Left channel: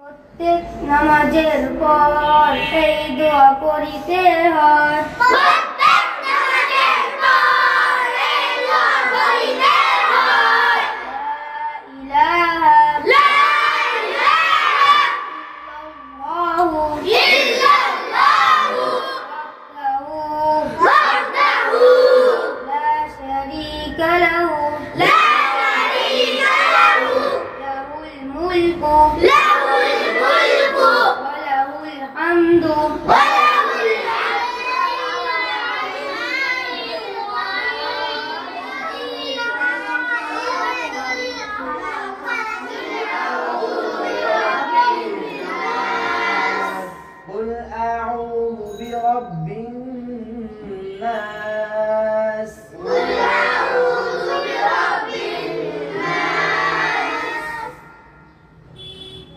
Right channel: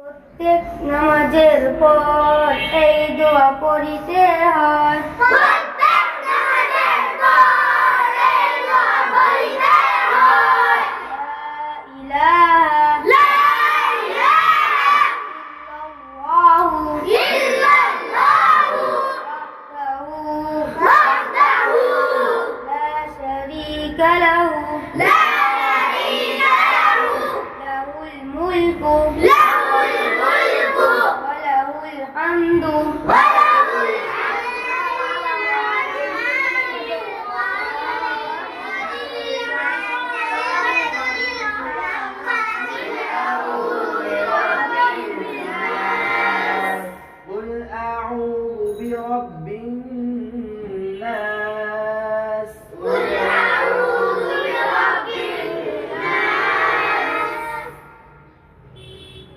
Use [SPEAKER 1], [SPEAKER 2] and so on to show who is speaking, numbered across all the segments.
[SPEAKER 1] প্রত্যেক নামাজের পর এই দোয়া পড়িতে হয়
[SPEAKER 2] له لا
[SPEAKER 1] شريك له له الملك لا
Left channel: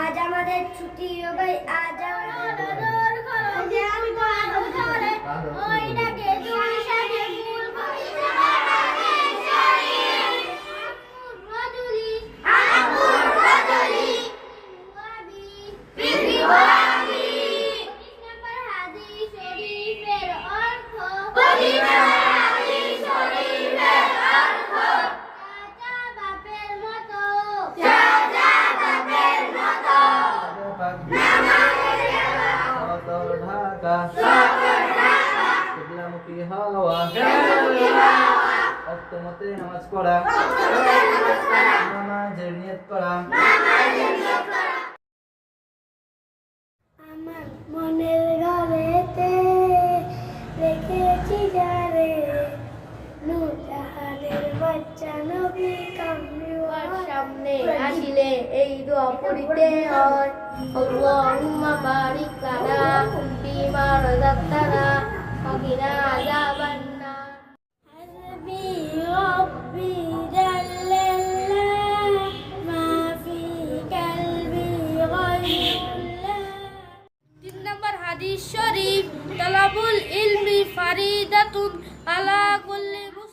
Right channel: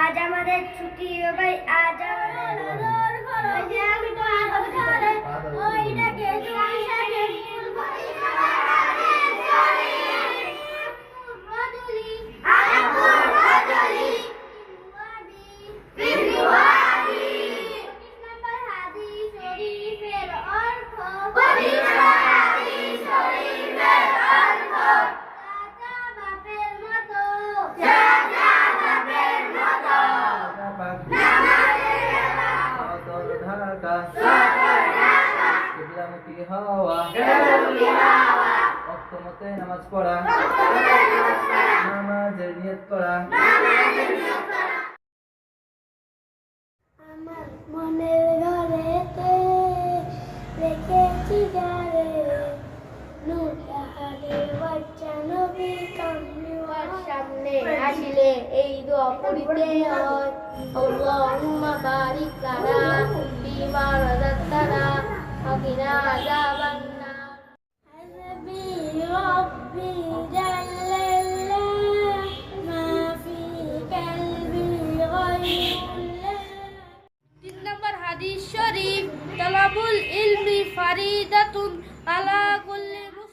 [SPEAKER 1] আজ আমাদের ছুটি ও ভাই আজ আমাদের থাকা কিবলামুখী হওয়া অক্তমতে নামাজ পড়া নামাজের নিয়ত করা
[SPEAKER 2] এই দোয়া পড়িতে হয় আল্লাহুম্মা বারিক লানা مما رزقتنا وقنا عذاب النار حسبي ربي جل الله ما في قلبي غير الله তিন নম্বর হাদিস শরীফ তালাবুল ইলমি ফারিদাতুন আলা কুল্লি